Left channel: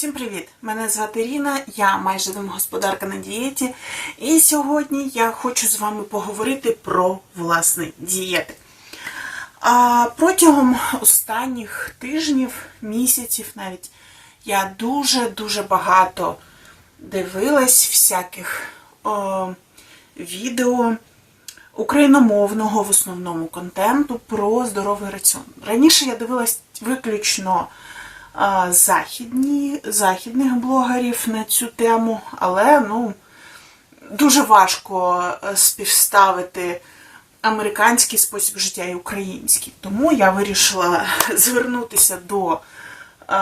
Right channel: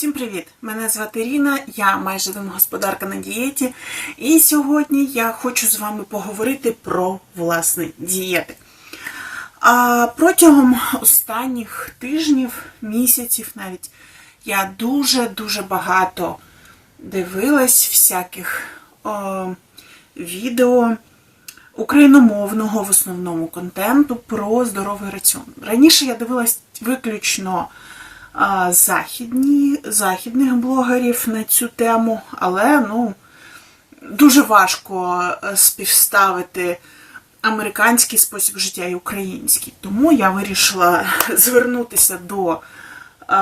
Всім привіт! Мене звати Ріна, я майже домогосподарка на дієті. І сьогодні я хочу з вами поговорити про власне дієти. А протягом останніх тижнів, місяців навіть я дуже-дуже багато дивилась всяких о, відео україномовного в основному контенту про здоровий раціон. Раніше я дивилась виключно західні, західних блогерів на цю тему, але ну, дуже важко е, співставити американський спосіб життя і український. Тому я вирішила звернутися до е,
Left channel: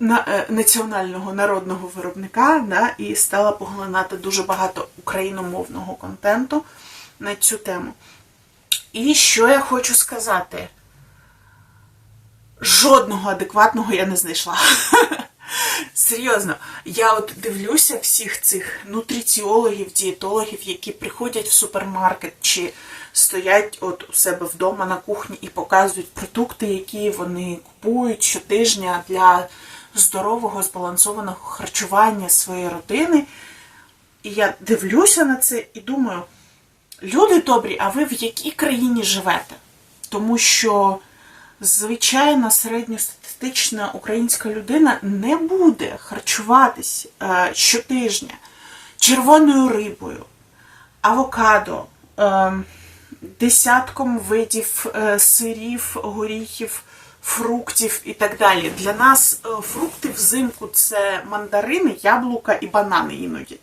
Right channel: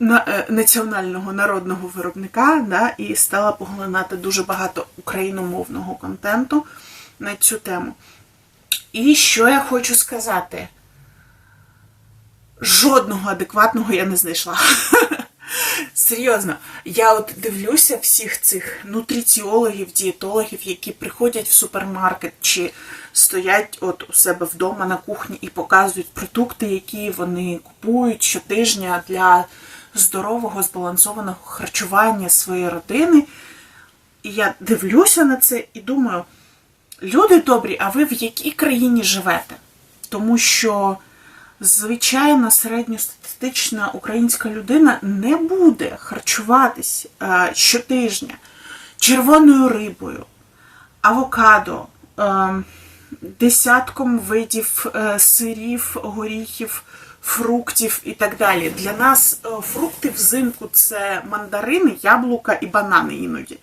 е, національного народного виробника да, і стала поглинати дуже багато україномовного контенту на цю тему. І що я хочу сказати? Жодного адекватного я не знайшла. Серйозно, я от дивлюся всіх цих нутриціологів, дієтологів, які приходять в супермаркет чи стоять от у себе вдома на кухні і показують продукти, які вони купують щотижня для здорового, збалансованого харчування своєї родини. І я дивлюся на це і думаю, люди добрі, а ви в якій країні живете? Тому що звичайна середньостатистична українська людина не буде харчуватись е, щотижня червоною рибою, авокадо, е, десятком видів е, сирів, горіхів, фруктів і так далі. Для нас фрукти взимку це мандарини, яблука і банани іноді.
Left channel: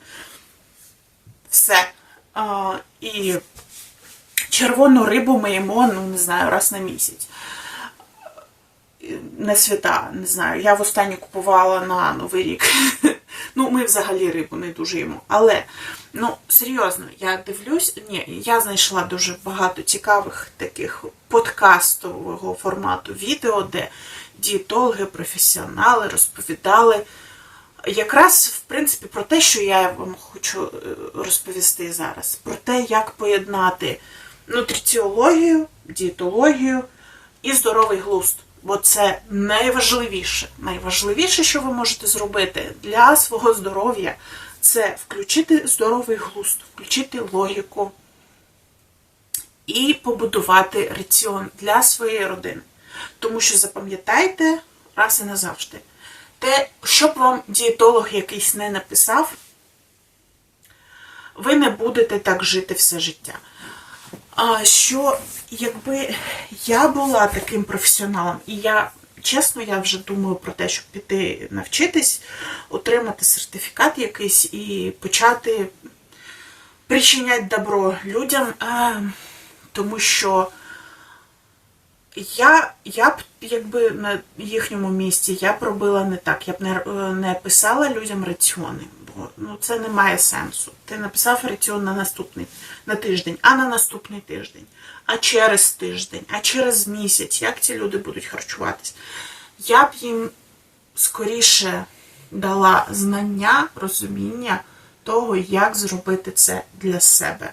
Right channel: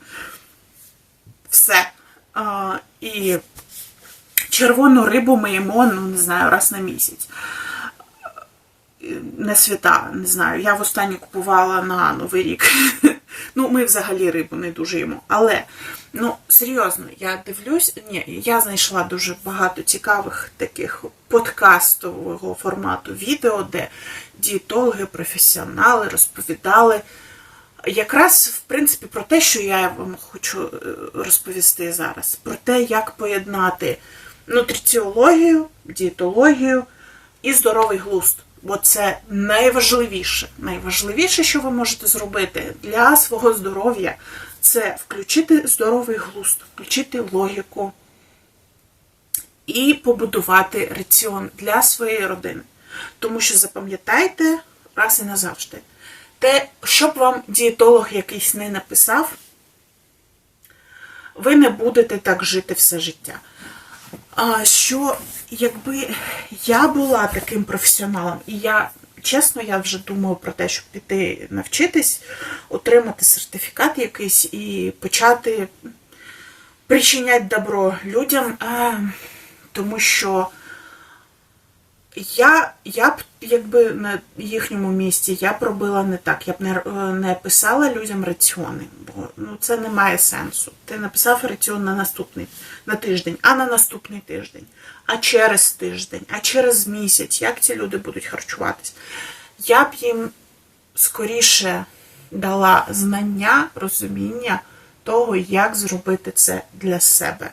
Все. І червону рибу ми їмо, ну не знаю, раз на місяць. На свята, не знаю. Я востаннє купувала на Новий рік. Ну, ми взагалі рибу не дуже їмо. Але, ну, серйозно, я дивлюсь, ні, я знайшла дуже багато цікавих таких подкастового формату відео, де дієтологи, професіонали розповідали якраз, в принципі, про те, що я вам хочу е, розповісти зараз. Про те, як поєднати нутриціологію, дієтологію і здоровий глузд. Бо це найважливіше. Найважливіше, що ви можете зробити для свого здоров'я, це включити здоровий глузд, включити логіку і побудувати раціон для своєї родини. Тому що запам'ятайте раз і назавжди, те, що б вам дієтолог якийсь не написав, ви не будете так жити все життя. Що якби я була таким професіоналом, і я, чесно, я вже думаю про те, щоб піти навчитись, отримати сертифікат якийсь і почати причиняти добро людям, тому що я, я б, якби на їхньому місці, я б робила не так. Я б не, не писала людям раціони, бо ну, це не має сенсу. Ти написав раціон на наступний на тиждень, а на наступний тиждень, а через тиждень, а через місяць. Як ці люди будуть харчуватись? Я б їм скоріше дала знання, розуміння того, як зробити це для себе.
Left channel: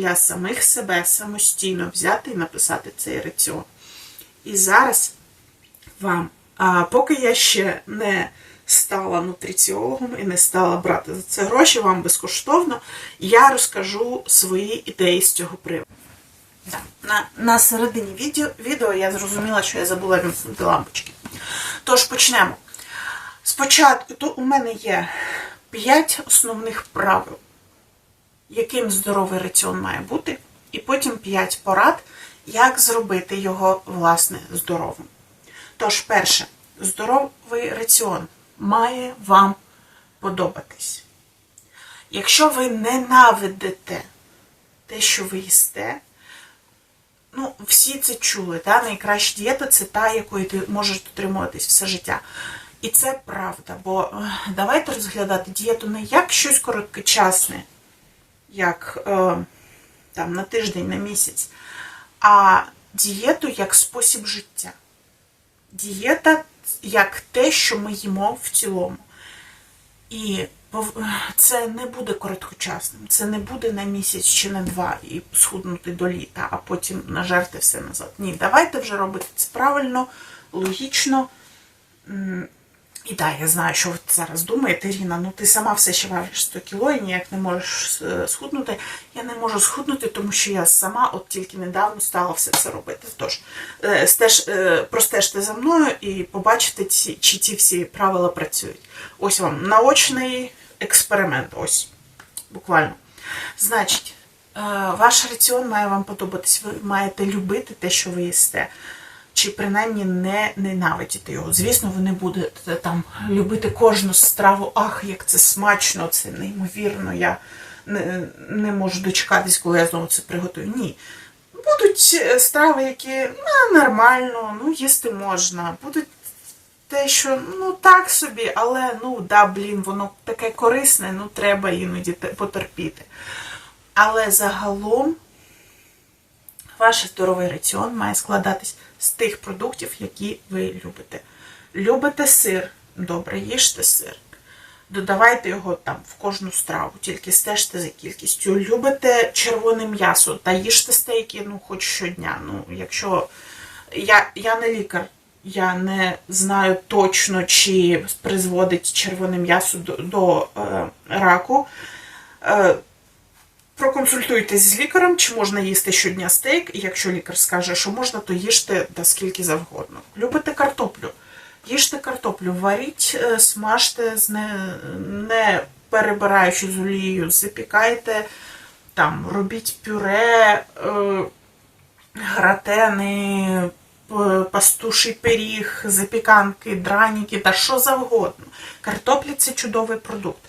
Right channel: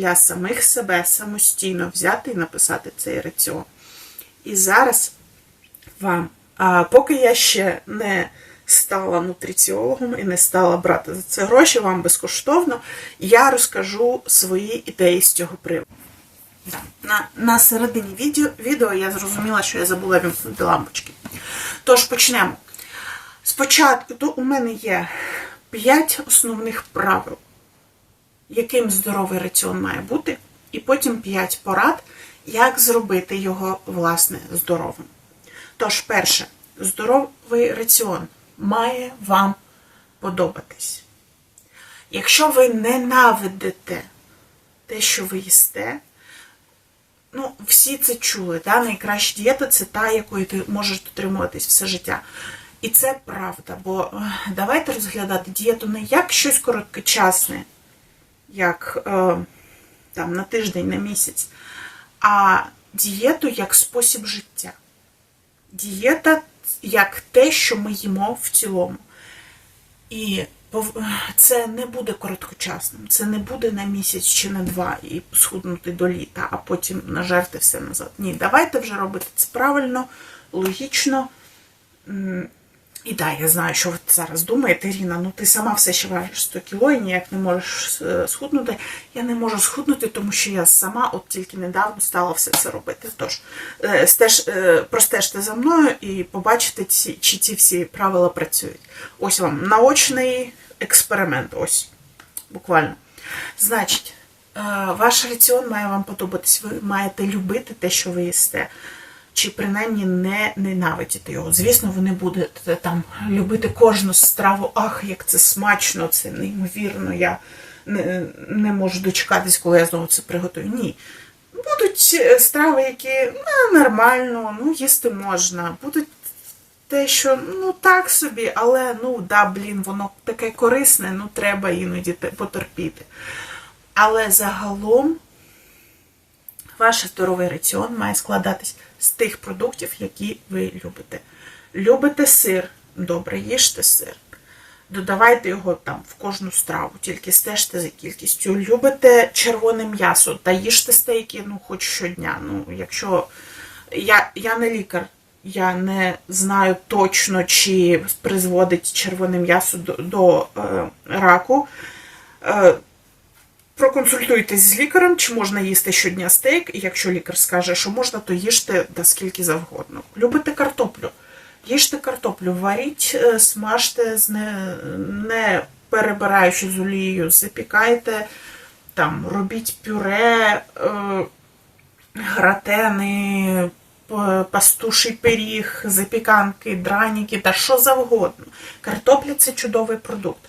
Для самих себе самостійно взяти і написати цей раціон. І зараз вам, а, поки я ще не стала нутриціологом і не стала брати за це гроші, вам безкоштовно, я розкажу свої ідеї з цього приводу. На, на середині відео, відео я зрозуміла, що я забула вімкнути лампочки. Тож почнемо. Спочатку то у мене є 5 основних правил яким здоровий раціон має бути, і потім 5 порад, як зробити його, власне, здоровим. Тож, перше, здоровий раціон має вам подобатись. Якщо ви ненавидите те, що ви їсте, ну, всі це чули, та? найкраща дієта це та, якої ти можеш дотримуватись все життя. І це правда, бо е, давайте розглядати дієту не як щось короткочасне, як е, там, на тиждень, на місяць, а дієту як спосіб життя. Дієта як те, що ми їмо в цілому. І це не буде короткочасним, це не буде на місяць чи на два і схуднути до літа, а потім нажерти все назад. Ні, давайте вже робити це правильно, логічно, І так, я знаю, що ви зараз думаєте, Ріна, ну ти сама все ще важиш 100 кіло і ніяк не можеш е, схуднути. Я не можу схуднути, тому що я сама от тільки недавно стала все це робити. Тож, е, стеж, е, простежте за мною і побачите, чи ці всі правила працюють. Ось вам наочний експеримент. Ось, буквально. Значить, ваш раціон має вам подобатись. Ви маєте любити те, що ви їсте чи принаймні не ненавидіти його. Звісно, ви не будете там любити кожну страву, ах, як це смачно, це неймовірно, я не, не можу дочекатись, коли я знову це приготую. Ні. Будуть е, страви, які ну, нормально, ну, їсти можна. Будуть те, що ну так собі, але ну да, блін, воно таке корисне, ну треба іноді потерпіти. Але загалом ваш здоровий раціон має складатись з тих продуктів, які ви любите. Любите сир, добре, їжте сир. Додавайте його там в кожну страву, тільки стежте за кількістю. Любите червоне м'ясо та їжте стейки, ну, хоч щодня. Ну, якщо я, я не лікар, я не знаю точно, чи призводить червоне м'ясо до, до е, раку. Е, Проконсультуйтесь з лікарем, чи можна їсти щодня стейк, і якщо лікар скаже, що можна, то їжте да скільки завгодно. Любите картоплю? Їжте картоплю, варіть, е, смажте, не, не перебираючи з олією, запікайте, там, робіть пюре, е, гратени, пастуший пиріг, запіканки, драніки та що завгодно. Картопля це чудовий продукт.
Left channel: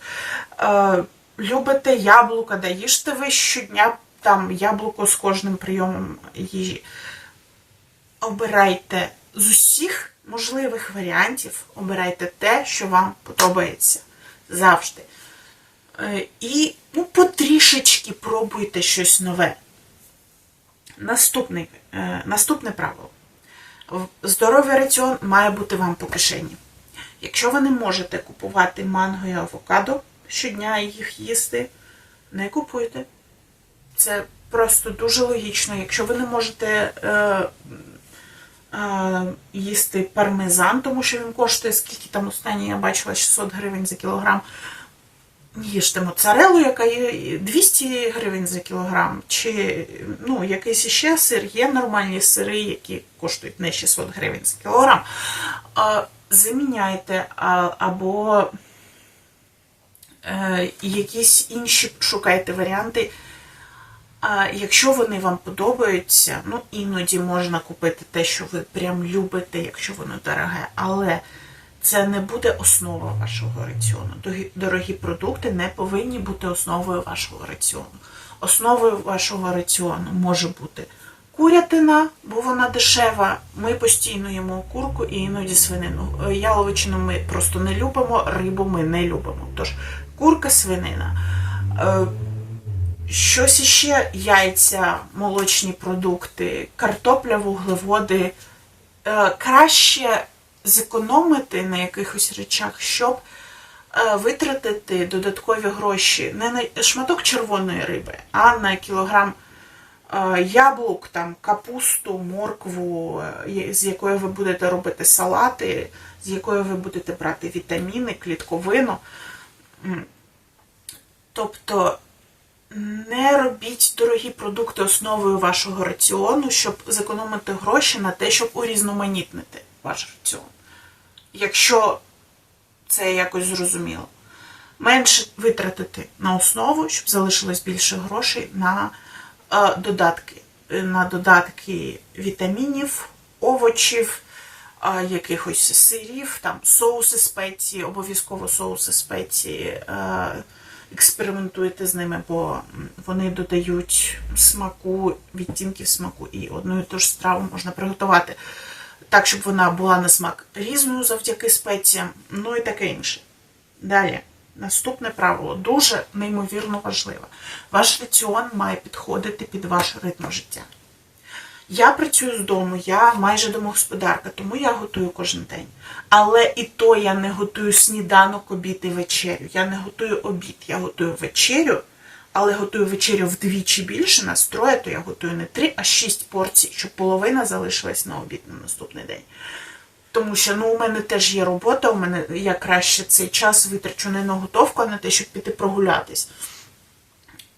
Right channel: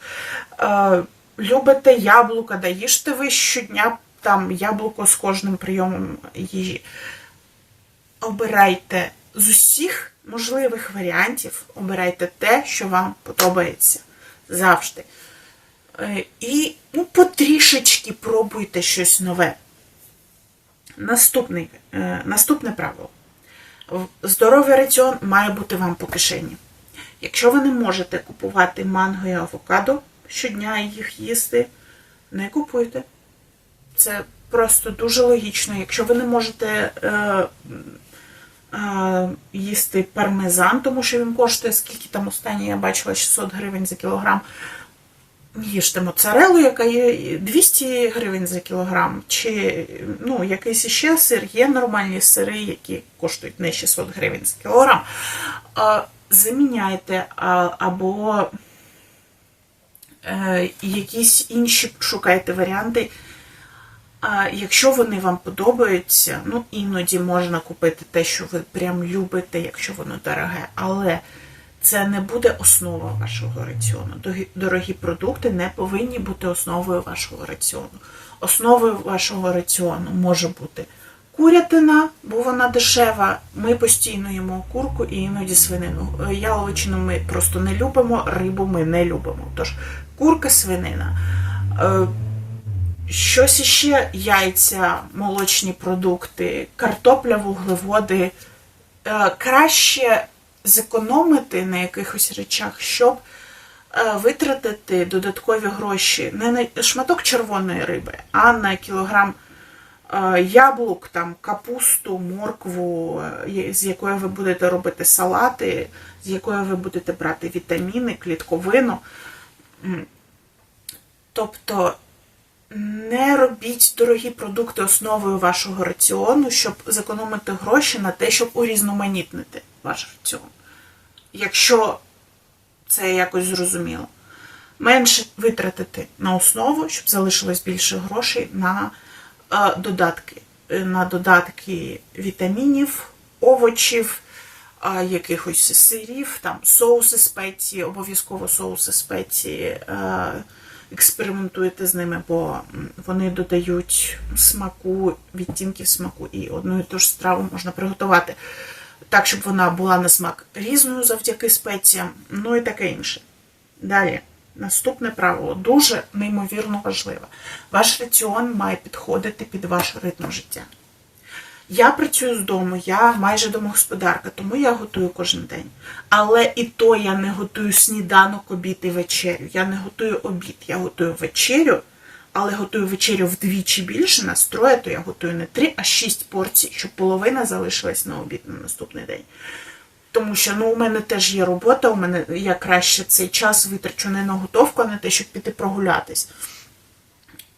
Любите яблука, да їжте ви щодня там яблуко з кожним прийомом їжі. Обирайте з усіх можливих варіантів, обирайте те, що вам подобається завжди. Е, І ну, потрішечки пробуйте щось нове. Наступний, е, наступне правило. Здоровий раціон має бути вам по кишені. Якщо ви не можете купувати манго і авокадо щодня їх їсти, не купуйте. Це просто дуже логічно. Якщо ви не можете е, е, їсти пармезан, тому що він коштує, скільки там останнє я бачила, 600 гривень за кілограм. Їжте моцарелу, яка є 200 гривень за кілограм, чи ну, якийсь іще сир, є нормальні сири, які коштують не 600 гривень за кілограм. А, заміняйте або е, якісь інші шукайте варіанти. А якщо вони вам подобаються, ну іноді можна купити те, що ви прям любите, якщо воно дороге, але це не буде основа вашого раціону. Дорогі- Дорогі продукти не повинні бути основою вашого раціону. Основою вашого раціону може бути курятина, бо вона дешева. Ми постійно їмо курку і іноді свинину. Е, Яловичину ми просто не любимо, рибу ми не любимо. Тож курка, свинина. Е, Щось іще яйця, молочні продукти, картопля, вуглеводи. Е, Краще зекономити на якихось речах, щоб е, витратити додаткові гроші не на шматок червоної риби, а на кілограм яблук, там, капусту, моркву, з якої ви будете робити салати, з якої ви будете брати вітаміни, клітковину. Тобто не робіть дорогі продукти основою вашого раціону, щоб зекономити гроші на те, щоб урізноманітнити ваш раціон. Якщо це якось зрозуміло. Менше витратити на основу, щоб залишилось більше грошей на е, додатки. Е, На додатки вітамінів, овочів, якихось сирів, там соуси спеції, обов'язково соуси спеції. Е, експериментуєте з ними, бо вони додають смаку, відтінків смаку, і одну і ту ж страву можна приготувати так, щоб вона була на смак різною завдяки спеціям, ну і таке інше. Далі, наступне правило дуже неймовірно важливе. Ваш раціон має підходити під ваш ритм життя. Я працюю з дому, я майже домогосподарка, тому я готую кожен день. Але і то я не готую сніданок, обід і вечерю. Я не готую обід, я готую вечерю, але готую вечерю вдвічі більше настрою, то я готую не 3, а 6 порцій, щоб половина залишилась на обід на наступний день. Тому що ну, у мене теж є робота, у мене я краще цей час витрачу не на готовку, а на те, щоб піти прогулятись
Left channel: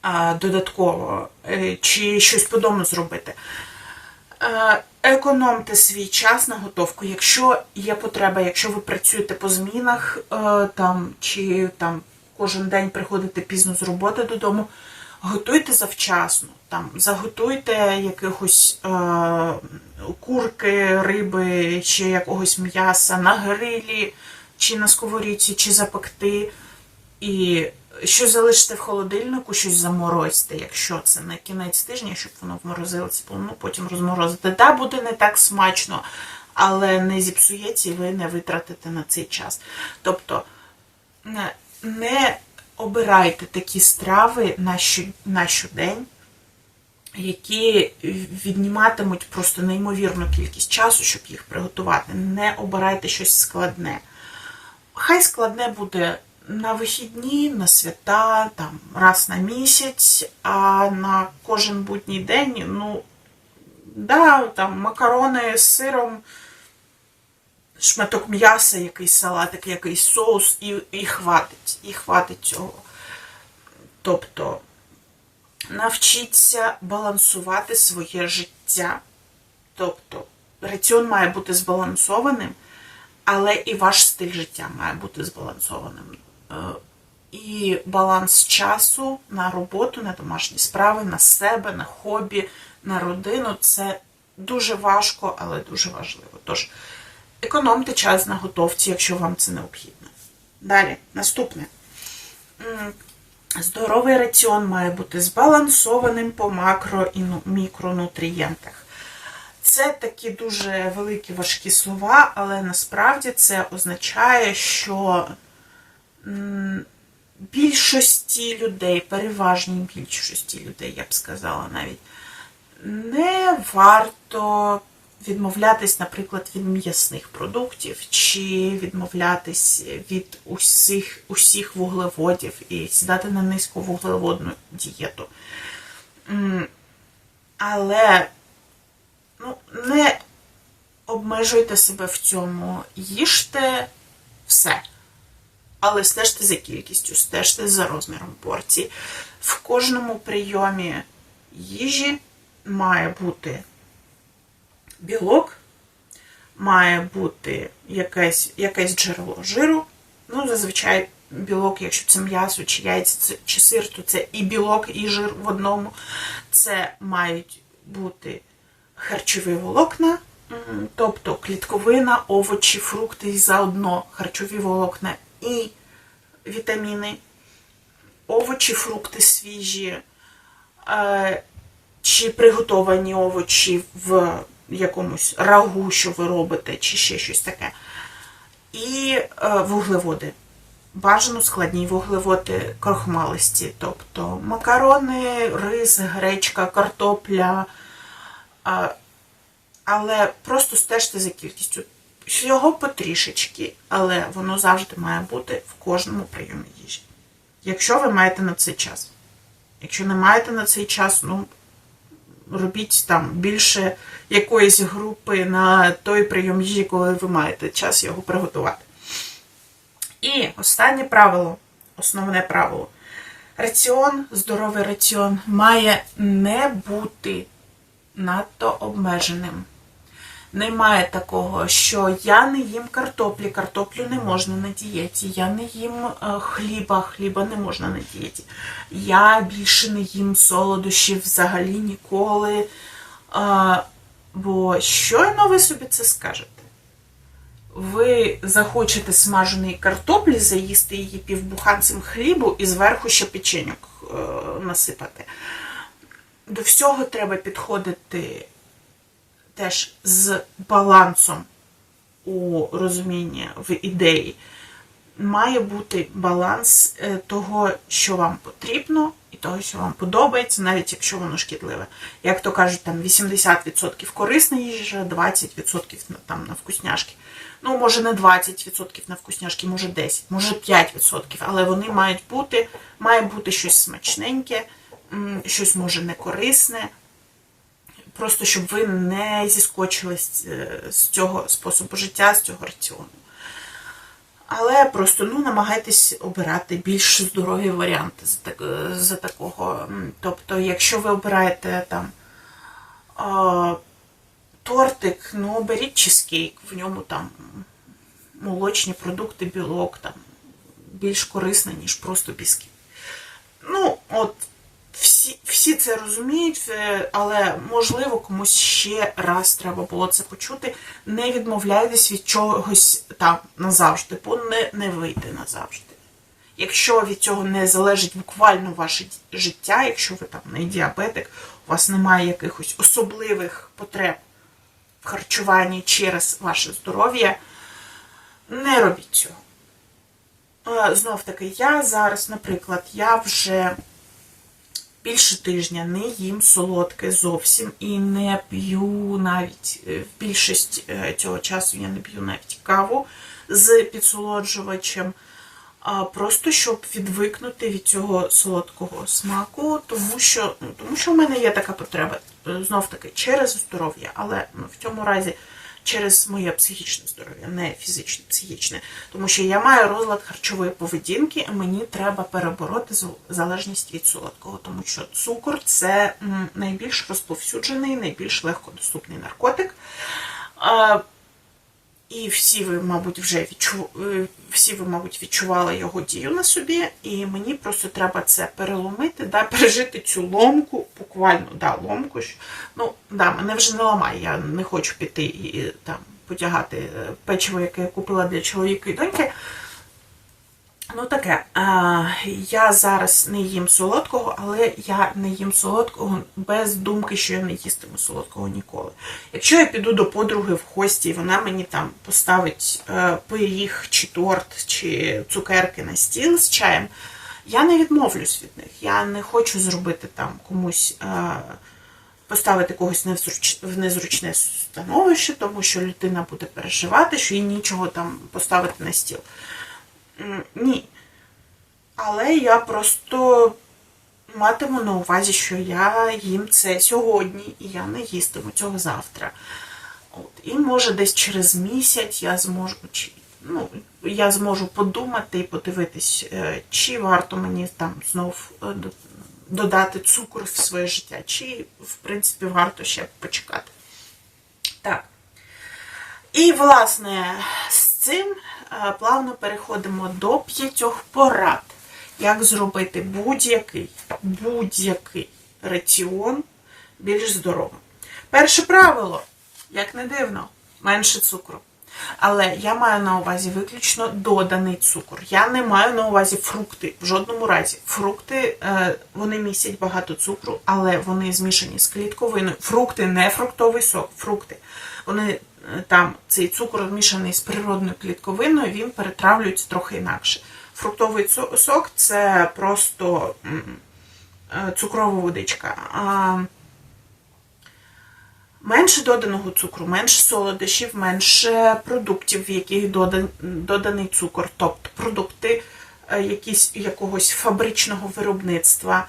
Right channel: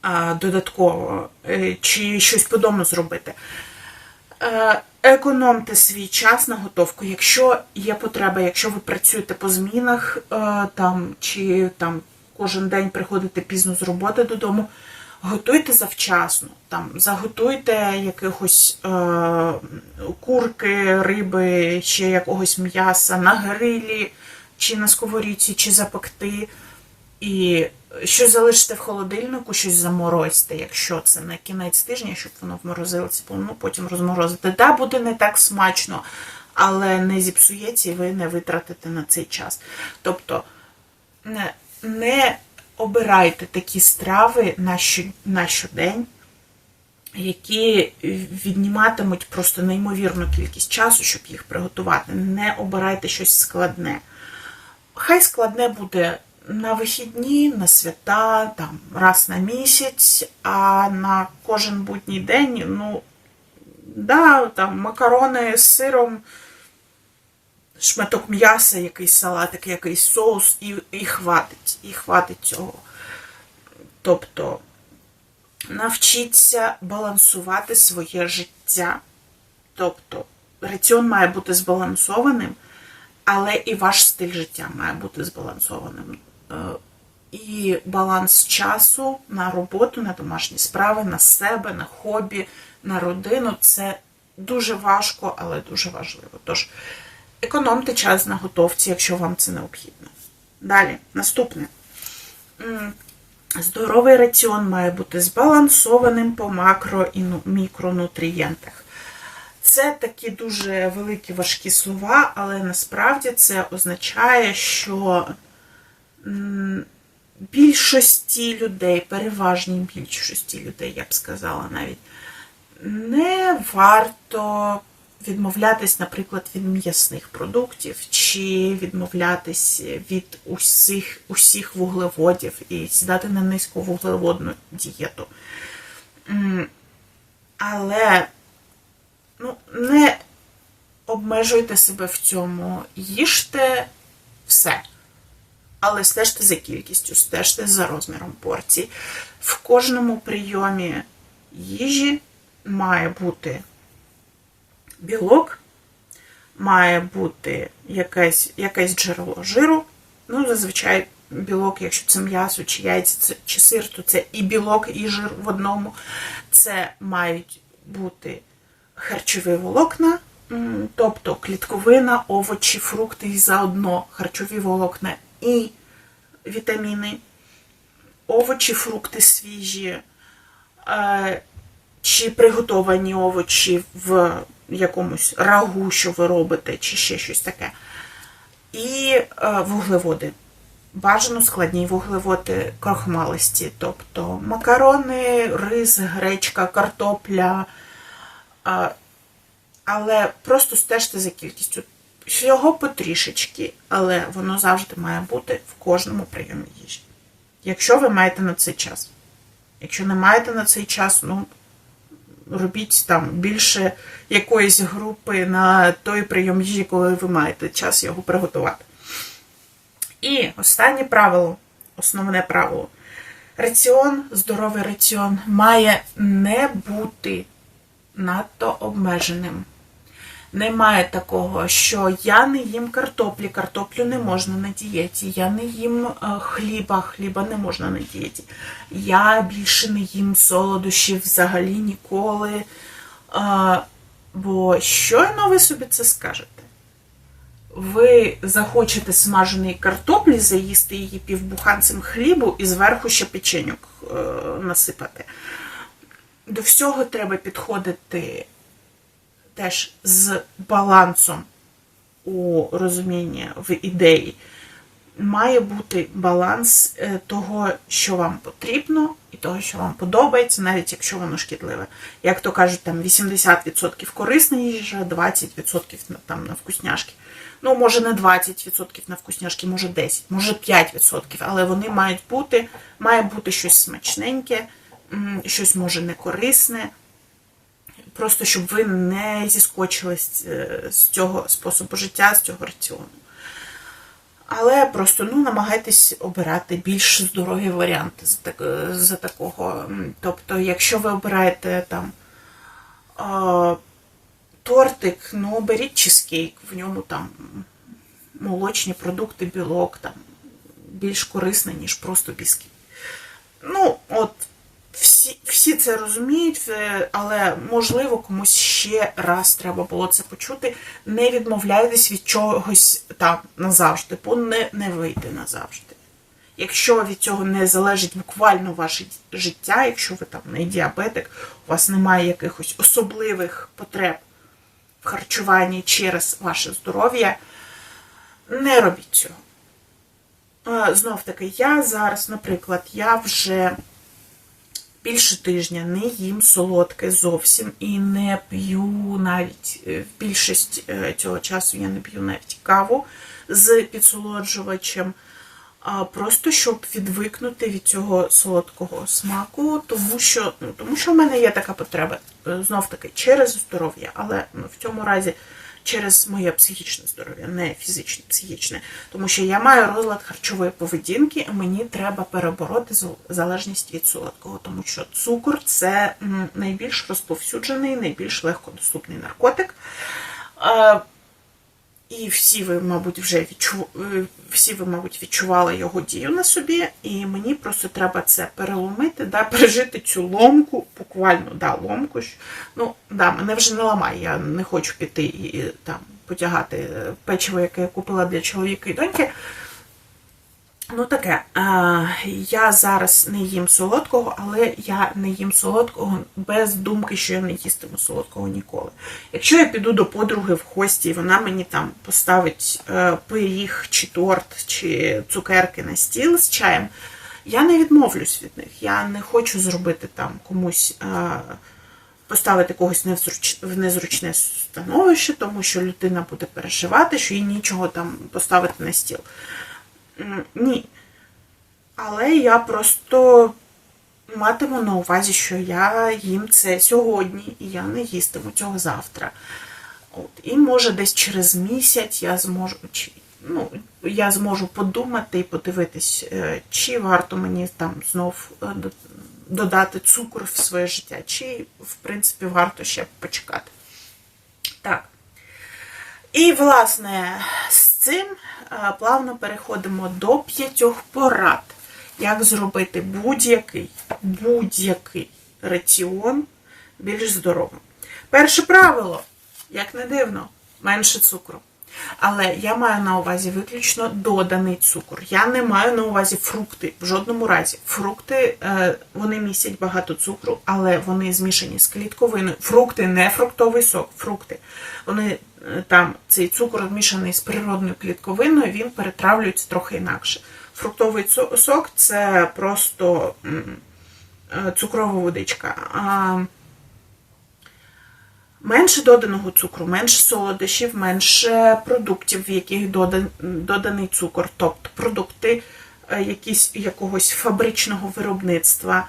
а, додатково, е, чи щось по дому зробити. Е, Економте свій час на готовку. Якщо є потреба, якщо ви працюєте по змінах е, там, чи там кожен день приходите пізно з роботи додому, готуйте завчасно. Там, заготуйте якихось е, курки, риби, ще якогось м'яса на грилі, чи на сковорідці, чи запекти. І щось залишите в холодильнику, щось заморозьте, якщо це на кінець тижня, щоб воно вморозилося, ну потім розморозити. Да, буде не так смачно, але не зіпсується і ви не витратите на цей час. Тобто не, обирайте такі страви на щодень, які відніматимуть просто неймовірну кількість часу, щоб їх приготувати. Не обирайте щось складне. Хай складне буде на вихідні, на свята, там, раз на місяць, а на кожен будній день, ну, да, там, макарони з сиром, шматок м'яса, якийсь салатик, якийсь соус, і, і хватить, і хватить цього. Тобто, навчіться балансувати своє життя. Тобто, раціон має бути збалансованим, але і ваш стиль життя має бути збалансованим. Е, І баланс часу на роботу, на домашні справи, на себе, на хобі, на родину це дуже важко, але дуже важливо. Тож, економте час на готовці, якщо вам це необхідно. Далі, наступне. Здоровий раціон має бути збалансованим по макро і ну- мікронутрієнтах. Це такі дуже великі важкі слова, але насправді це означає, що більшості людей, переважній більшості людей, я б сказала навіть, не варто відмовлятись, наприклад, від м'ясних продуктів, чи відмовлятись від усіх, усіх вуглеводів і сідати на низьковуглеводну дієту. Але ну, не обмежуйте себе в цьому, їжте все. Але стежте за кількістю, стежте за розміром порцій. В кожному прийомі їжі має бути білок, має бути якесь, якесь джерело жиру. Ну, зазвичай білок, якщо це м'ясо, чи яйця, чи сир, то це і білок, і жир в одному. Це мають бути харчові волокна, тобто клітковина, овочі, фрукти і заодно харчові волокна і вітаміни, овочі, фрукти свіжі, е, чи приготовані овочі в якомусь рагу, що ви робите, чи ще щось таке. І е, вуглеводи. Бажано складні вуглеводи крохмалисті, тобто макарони, рис, гречка, картопля. Але просто стежте за кількістю. Всього потрішечки, але воно завжди має бути в кожному прийомі їжі. Якщо ви маєте на це час. Якщо не маєте на цей час, ну робіть там більше якоїсь групи на той прийом їжі, коли ви маєте час його приготувати. І останнє правило, основне правило. Раціон, здоровий раціон має не бути надто обмеженим. Немає такого, що я не їм картоплі, картоплю не можна на дієті, я не їм е, хліба, хліба не можна на дієті. Я більше не їм солодощів взагалі ніколи. Е, Бо щойно ви собі це скажете. Ви захочете смаженої картоплі, заїсти її півбуханцем хлібу і зверху ще печеньок е, насипати. До всього треба підходити теж з балансом у розумінні в ідеї. Має бути баланс е, того, що вам потрібно, і того, що вам подобається, навіть якщо воно шкідливе. Як то кажуть, там 80% корисна їжа, 20% там на вкусняшки. Ну, може, не 20% на вкусняшки, може 10%, може 5%, але вони мають бути, має бути щось смачненьке, щось може не корисне, просто щоб ви не зіскочили з, е, з цього способу життя, з цього раціону. Але просто ну, намагайтесь обирати більш здорові варіанти з, так, з такого. Тобто, якщо ви обираєте там тортик, ну беріть чизкейк, в ньому там молочні продукти, білок там більш корисно, ніж просто бісквіт. Ну, от всі, всі це розуміють, е, але можливо комусь ще раз треба було це почути. Не відмовляйтесь від чогось там назавжди, бо не, не вийде назавжди. Якщо від цього не залежить буквально ваше життя, якщо ви там не діабетик, у вас немає якихось особливих потреб в харчуванні через ваше здоров'я, не робіть цього. Е, Знов таки, я зараз, наприклад, я вже більше тижня не їм солодке зовсім і не п'ю навіть е, в більшість е, цього часу я не п'ю навіть каву з підсолоджувачем. А просто щоб відвикнути від цього солодкого смаку, тому що, ну, тому що в мене є така потреба, знов таки, через здоров'я, але ну, в цьому разі через моє психічне здоров'я, не фізичне, психічне. Тому що я маю розлад харчової поведінки, і мені треба перебороти зал- залежність від солодкого, тому що цукор це найбільш розповсюджений, найбільш легкодоступний наркотик. І всі ви, мабуть, вже відчу... е, всі ви, мабуть, відчували його дію на собі, і мені просто треба це переломити, да, пережити цю ломку, буквально да, ломку. Ну, да, мене вже не ламає, я не хочу піти і там потягати е, печиво, яке я купила для чоловіка і доньки. Ну таке, я зараз не їм солодкого, але я не їм солодкого без думки, що я не їстиму солодкого ніколи. Якщо я піду до подруги в гості, і вона мені там поставить е, пиріг, чи торт, чи цукерки на стіл з чаєм, я не відмовлюсь від них. Я не хочу зробити там комусь. Е, Поставити когось в незручне становище, тому що людина буде переживати, що їй нічого там поставити на стіл. Ні. Але я просто матиму на увазі, що я їм це сьогодні, і я не їстиму цього завтра. От. І може десь через місяць я зможу, чи, ну, я зможу подумати і подивитись, е, чи варто мені там знов е, додати цукор в своє життя, чи, в принципі, варто ще почекати. Так. І, власне, з цим плавно переходимо до п'ятьох порад, як зробити будь-який будь-який раціон більш здоровим. Перше правило, як не дивно, менше цукру. Але я маю на увазі виключно доданий цукор. Я не маю на увазі фрукти в жодному разі. Фрукти е, вони містять багато цукру, але вони змішані з клітковиною. Фрукти не фруктовий сок, фрукти. Вони е, там цей цукор змішаний з природною клітковиною, він перетравлюється трохи інакше. Фруктовий сок це просто е, цукрова водичка. Менше доданого цукру, менше солодощів, менше продуктів, в яких додан- доданий цукор, тобто продукти е, якісь, якогось фабричного виробництва.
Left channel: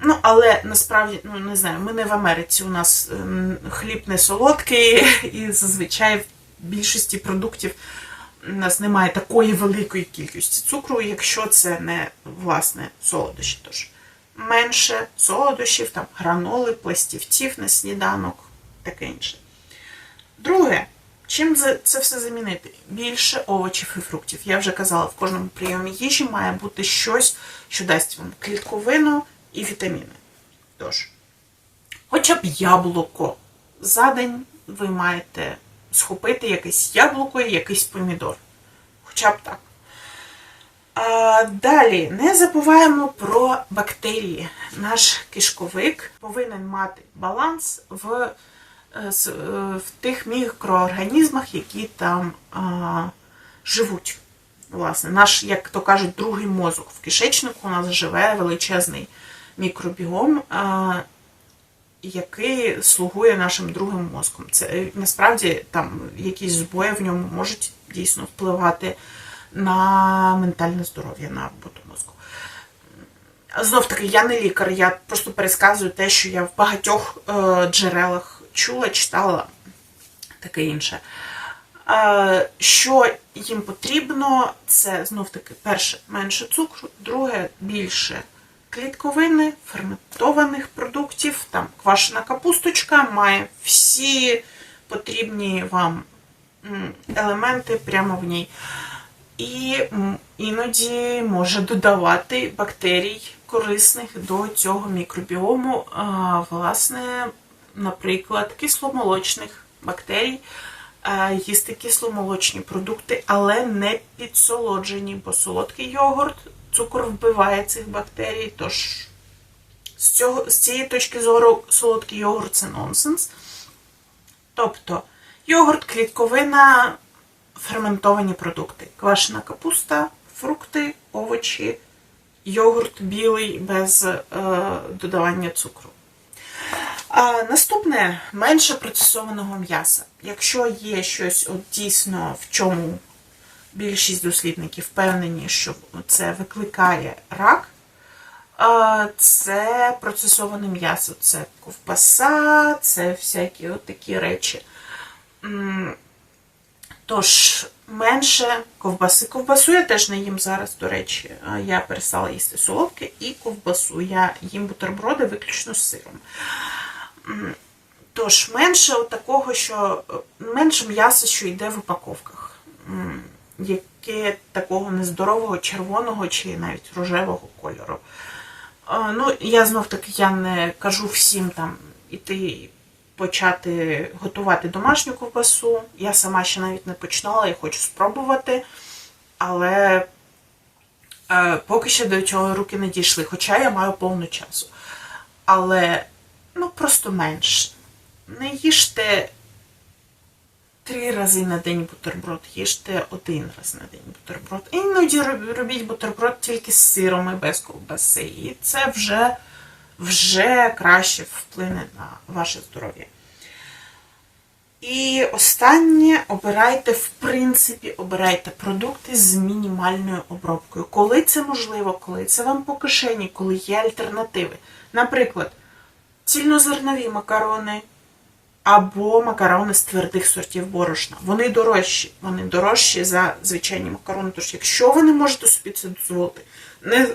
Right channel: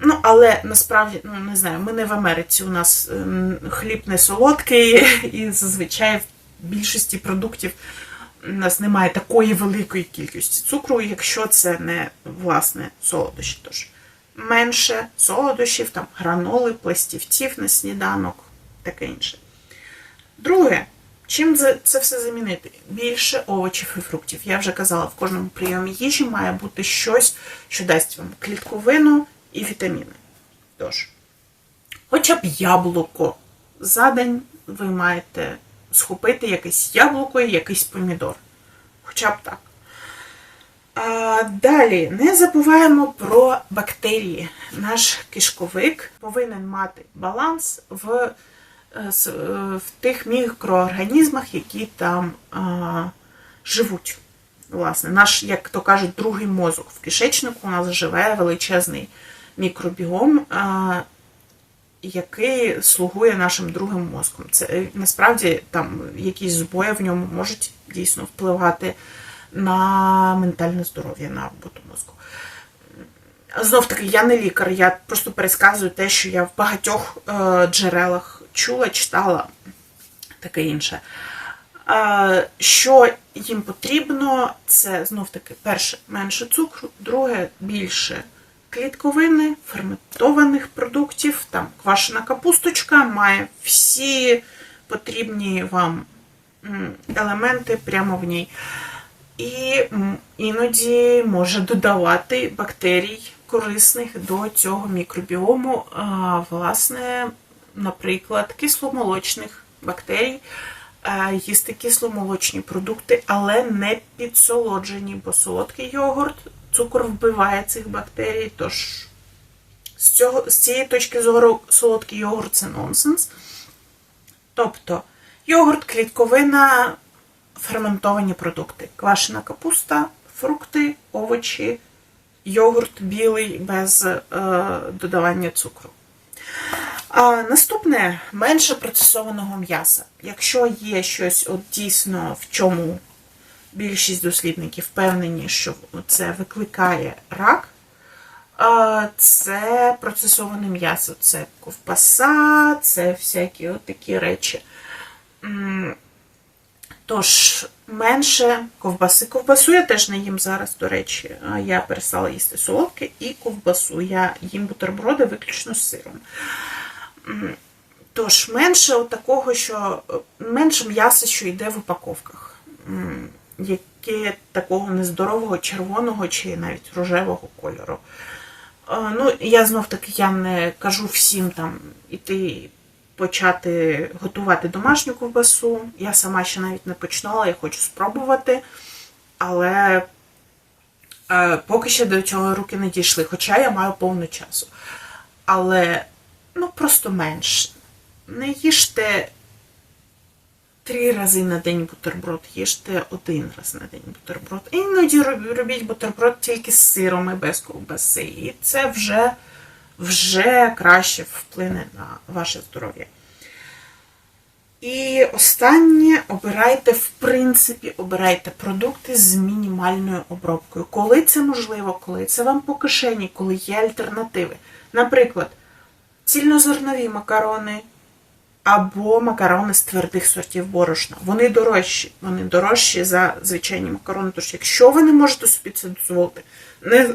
Ну, але насправді, ну не знаю, ми не в Америці, у нас ем, хліб не солодкий, і зазвичай в більшості продуктів у нас немає такої великої кількості цукру, якщо це не власне солодощі. Тож менше солодощів, там граноли, пластівців на сніданок, таке інше. Друге, чим це, все замінити? Більше овочів і фруктів. Я вже казала, в кожному прийомі їжі має бути щось, що дасть вам клітковину і вітаміни. Тож, хоча б яблуко. За день ви маєте схопити якесь яблуко і якийсь помідор. Хоча б так. А, далі не забуваємо про бактерії. Наш кишковик повинен мати баланс в, е, е, в тих мікроорганізмах, які там а, живуть. Власне, наш, як то кажуть, другий мозок. В кишечнику у нас живе величезний мікробіом, а, який слугує нашим другим мозком. Це е, насправді там якісь збої в ньому можуть дійсно впливати на ментальне здоров'я, на роботу мозку. Знов таки, я не лікар, я просто пересказую те, що я в багатьох е, джерелах чула, читала, таке інше. Е, що їм потрібно, це знов таки перше менше цукру, друге більше клітковини, ферментованих продуктів. Там квашена капусточка має всі потрібні вам елементи прямо в ній. І іноді може додавати бактерій корисних до цього мікробіому, власне, наприклад, кисломолочних бактерій, е, їсти кисломолочні продукти, але не підсолоджені, бо солодкий йогурт, цукор вбиває цих бактерій. Тож з, цього, з цієї точки зору солодкий йогурт це нонсенс. Тобто йогурт, клітковина, ферментовані продукти, квашена капуста, фрукти, овочі, йогурт білий без е, додавання цукру. А, наступне менше процесованого м'яса. Якщо є щось от дійсно в чому більшість дослідників впевнені, що це викликає рак, це процесоване м'ясо, це ковбаса, це всякі от такі речі. Тож, менше ковбаси. Ковбасу я теж не їм зараз, до речі. Я перестала їсти солодке і ковбасу. Я їм бутерброди виключно з сиром. Тож, менше такого, що менше м'яса, що йде в упаковках, яке такого нездорового червоного чи навіть рожевого кольору. Ну, я знов таки я не кажу всім там іти почати готувати домашню ковбасу. Я сама ще навіть не починала, я хочу спробувати. Але е, поки що до цього руки не дійшли, хоча я маю повно часу. Але ну просто менше. Не їжте три рази на день бутерброд, їжте один раз на день бутерброд. Іноді робіть бутерброд тільки з сиром і без ковбаси. І це вже, вже краще вплине на ваше здоров'я. І останнє, обирайте, в принципі, обирайте продукти з мінімальною обробкою. Коли це можливо, коли це вам по кишені, коли є альтернативи. Наприклад, цільнозернові макарони або макарони з твердих сортів борошна. Вони дорожчі. Вони дорожчі за звичайні макарони. Тож, якщо ви не можете собі це дозволити, не,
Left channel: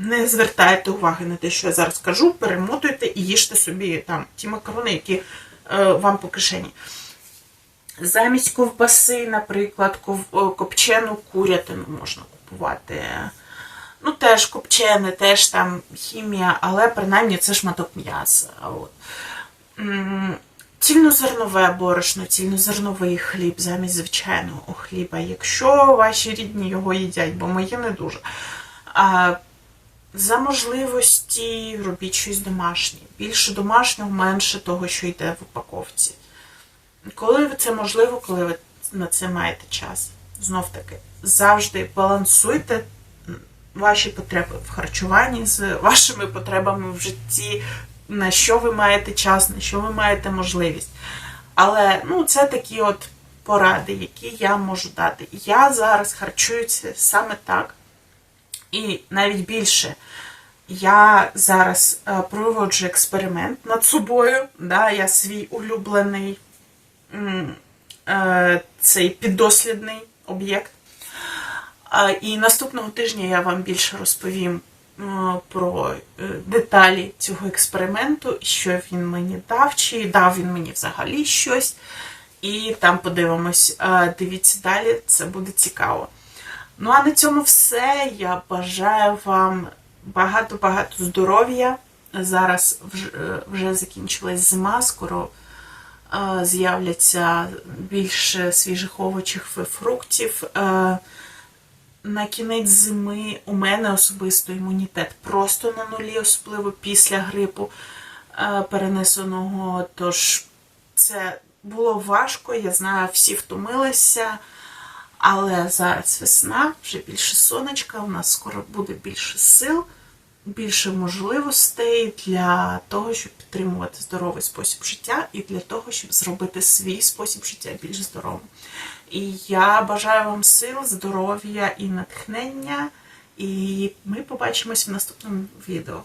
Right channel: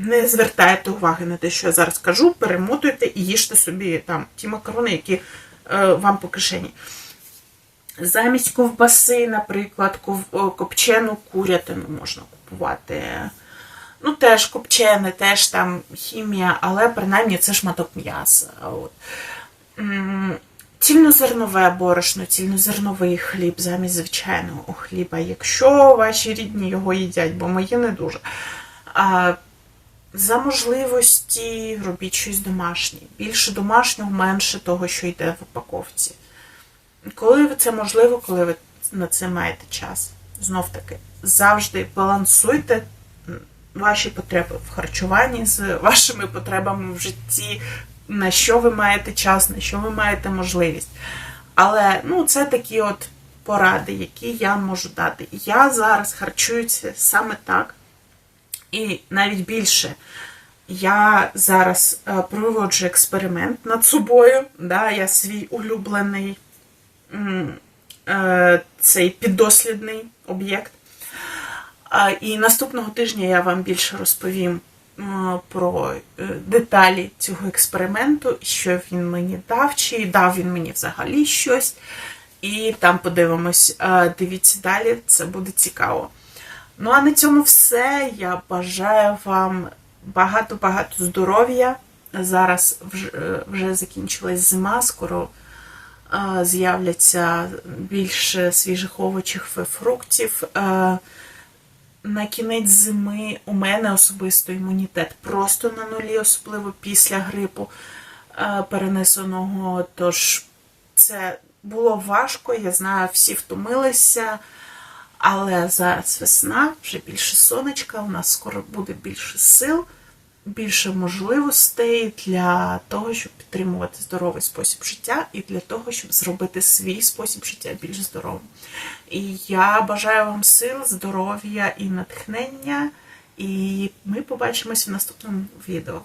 не звертайте уваги на те, що я зараз кажу, перемотуйте і їжте собі там ті макарони, які е, вам по кишені. Замість ковбаси, наприклад, ков- копчену курятину можна купувати. Ну, теж копчене, теж там хімія, але принаймні це шматок м'яса. Цільнозернове борошно, цільнозерновий хліб замість звичайного хліба, якщо ваші рідні його їдять, бо мої не дуже. За можливості робіть щось домашнє. Більше домашнього, менше того, що йде в упаковці. Коли це можливо, коли ви на це маєте час. Знов таки, завжди балансуйте ваші потреби в харчуванні з вашими потребами в житті, на що ви маєте час, на що ви маєте можливість. Але ну, це такі от поради, які я можу дати. Я зараз харчуюся саме так. І навіть більше. Я зараз е, проводжу експеримент над собою. Да, я свій улюблений е, цей піддослідний об'єкт. А, І наступного тижня я вам більше розповім е, про е, деталі цього експерименту, що він мені дав, чи дав він мені взагалі щось. І там подивимось. Е, Дивіться далі, це буде цікаво. Ну а на цьому все. Я бажаю вам багато-багато здоров'я. Зараз вже, вже закінчилась зима, скоро е, з'являться більше свіжих овочів і фруктів. Е, на кінець зими у мене особисто імунітет просто на нулі, особливо після грипу е, перенесеного. Тож це було важко, я знаю, всі втомилися. Але зараз весна, вже більше сонечка, у нас скоро буде більше сил, більше можливостей для того, щоб підтримувати здоровий спосіб життя, і для того, щоб зробити свій спосіб життя більш здоровим. І я бажаю вам сил, здоров'я і натхнення, І ми побачимося в наступному відео.